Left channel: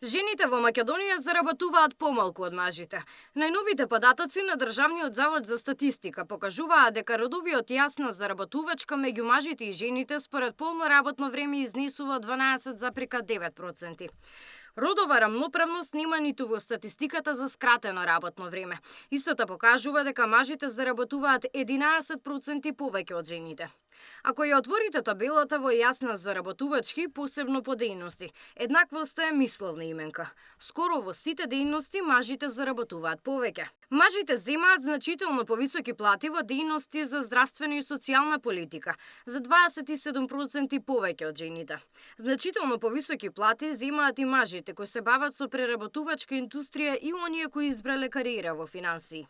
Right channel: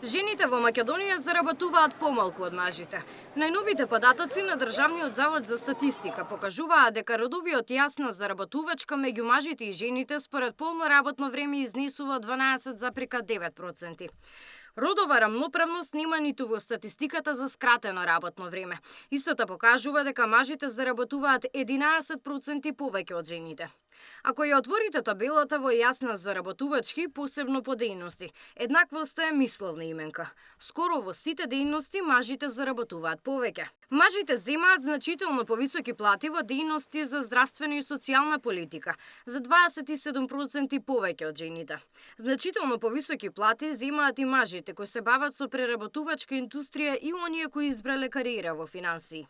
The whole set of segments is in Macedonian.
Жените во Македонија заработуваат помалку од мажите. Најновите податоци на Државниот завод за статистика покажуваат дека родовиот јас на заработувачка меѓу мажите и жените според полно работно време изнесува 12,9%. Родова рамноправност нема ниту во статистиката за скратено работно време. Истото покажува дека мажите заработуваат 11% повеќе од жените. Ако ја отворите табелата во јасна заработувачки, посебно по дејности, еднаквоста е мисловна именка. Скоро во сите дејности мажите заработуваат повеќе. Мажите земаат значително повисоки плати во дејности за здравствена и социјална политика, за 27% повеќе од жените. Значително повисоки плати земаат и мажите кои се бават со преработувачка индустрија и оние кои избрале кариера во финансии.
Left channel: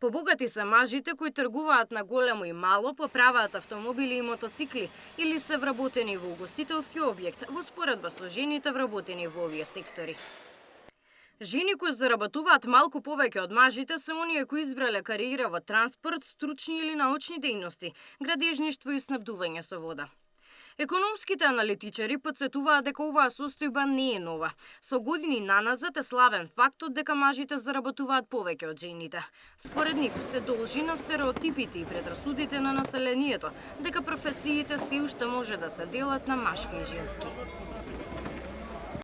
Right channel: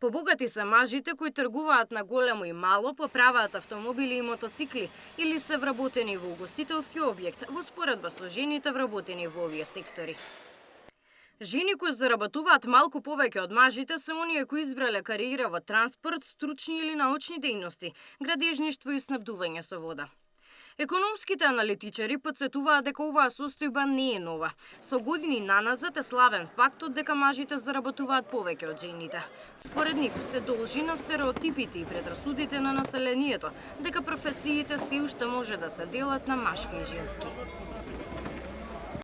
Побогати се мажите кои тргуваат на големо и мало, поправаат автомобили и мотоцикли или се вработени во угостителски објект, во споредба со жените вработени во овие сектори. Жени кои заработуваат малку повеќе од мажите се оние кои избрале кариера во транспорт, стручни или научни дејности, градежништво и снабдување со вода. Економските аналитичари потсетуваат дека оваа состојба не е нова. Со години наназад е славен фактот дека мажите заработуваат повеќе од жените. Според нив се должи на стереотипите и предрасудите на населението дека професиите се уште може да се делат на машки и женски.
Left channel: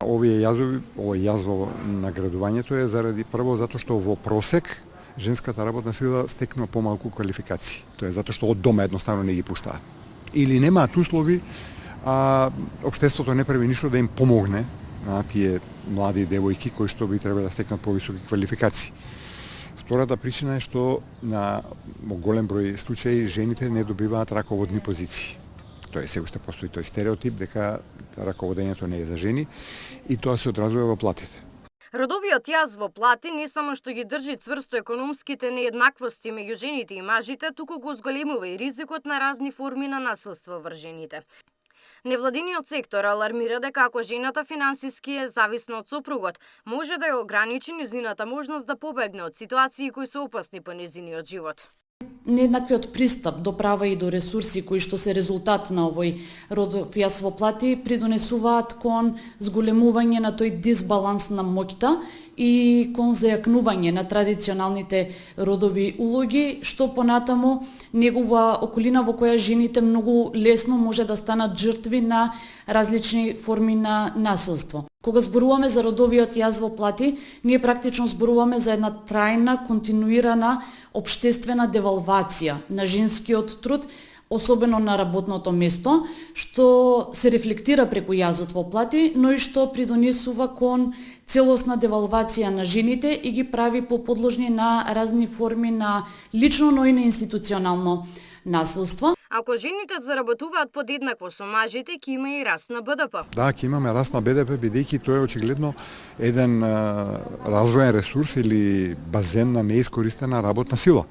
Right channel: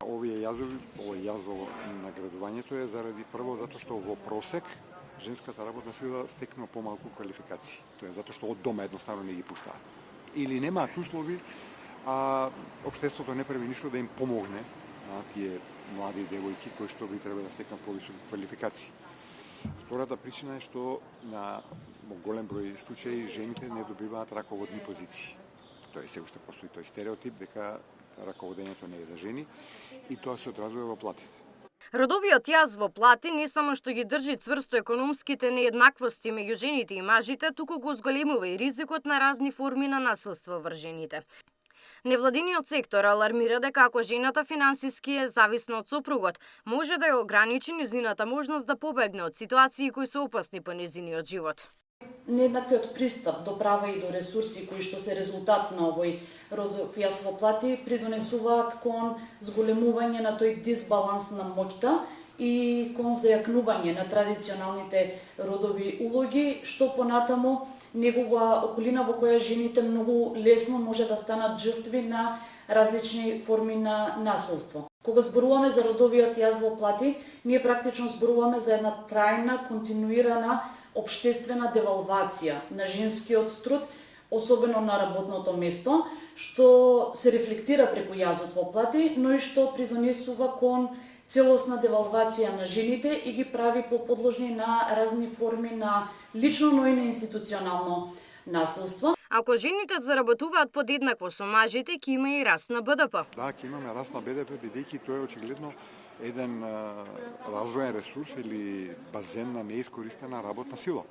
Овие јаз во наградувањето е заради прво затоа што во просек женската работна сила стекнува помалку квалификации. Тоа е затоа што од дома едноставно не ги пуштаат. Или немаат услови, а општеството не прави ништо да им помогне на тие млади девојки кои што би требале да стекнат повисоки квалификации. Втората причина е што во голем број случаи жените не добиваат раководни позиции. Тоа е се уште постои тој стереотип дека раководењето не е за жени и тоа се одразува во платите. Родовиот јаз во плати не само што ги држи цврсто економските нееднаквости меѓу жените и мажите, туку го зголемува и ризикот на разни форми на насилство врз жените. Невладиниот сектор алармира дека ако жената финансиски е зависна од сопругот, може да ја ограничи незината можност да побегне од ситуации кои се опасни по незиниот живот. Нееднаквиот пристап до права и до ресурси кои што се резултат на овој родов јас во плати придонесуваат кон зголемување на тој дисбаланс на моќта и кон зајакнување на традиционалните родови улоги, што понатаму негова околина во која жените многу лесно може да станат жртви на различни форми на насилство. Кога зборуваме за родовиот јаз во плати, ние практично зборуваме за една трајна, континуирана општествена девалвација на женскиот труд, особено на работното место, што се рефлектира преку јазот во плати, но и што придонесува кон целосна девалвација на жените и ги прави поподложни на разни форми на лично, но и на институционално насилство. Ако жените заработуваат подеднакво со мажите, ќе има и раст на БДП. Да, ќе имаме раст на БДП, бидејќи тоа е очигледно еден развоен ресурс или базен на неискористена работна сила.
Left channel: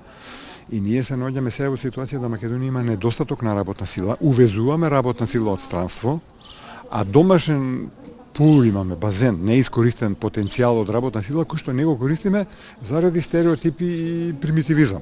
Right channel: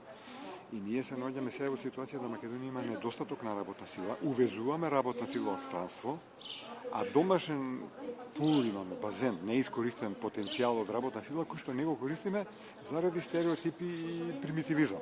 И ние се наоѓаме сега во ситуација да Македонија има недостаток на работна сила, увезуваме работна сила од странство, а домашен пул имаме, базен, неискористен потенцијал од работна сила кој што не го користиме заради стереотипи и примитивизам.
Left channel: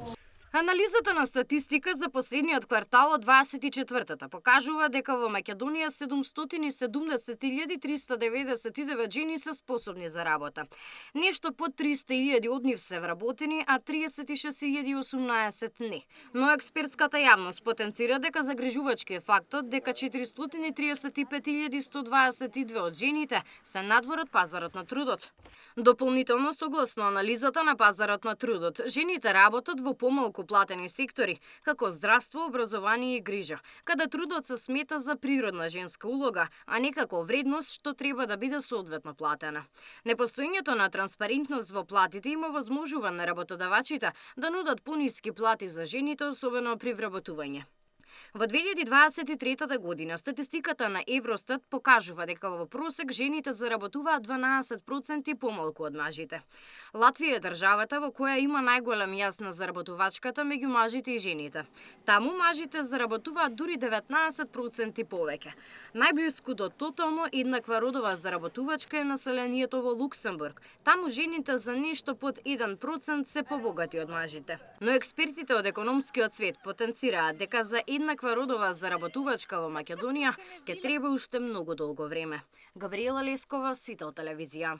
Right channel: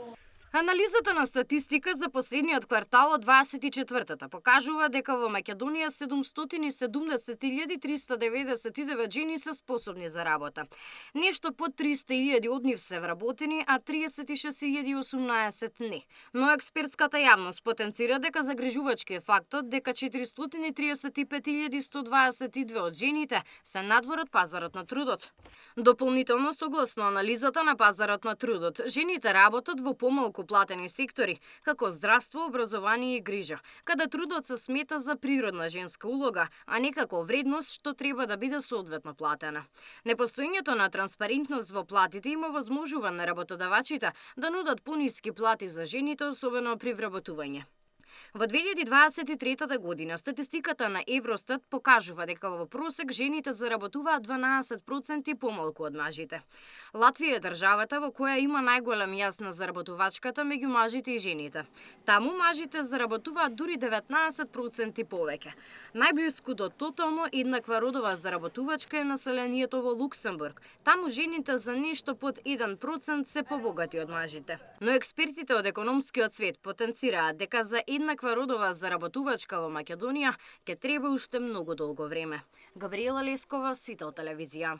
Анализата на статистика за последниот квартал од 24-та покажува дека во Македонија 770.399 жени се способни за работа. Нешто под 300.000 од нив се вработени, а 36.018 не. Но експертската јавност потенцира дека загрижувачки е фактот дека 435.122 од жените се надвор од пазарот на трудот. Дополнително, согласно анализата на пазарот на трудот, жените работат во помалку платени сектори, како здравство, образование и грижа, каде трудот се смета за природна женска улога, а не како вредност што треба да биде соодветно платена. Непостоењето на транспарентност во платите има возможува на работодавачите да нудат пониски плати за жените, особено при вработување. Во 2023 година статистиката на Евростат покажува дека во просек жените заработуваат 12% помалку од мажите. Латвија е државата во која има најголем јас на заработувачката меѓу мажите и жените. Таму мажите заработуваат дури 19% повеќе. Најблиску до тотално еднаква родова заработувачка е населението во Луксембург. Таму жените за нешто под 1% се побогати од мажите. Но експертите од економскиот свет потенцираат дека за еднаква родова заработувачка во Македонија ќе треба уште многу долго време. Габриела Лескова, Сител телевизија.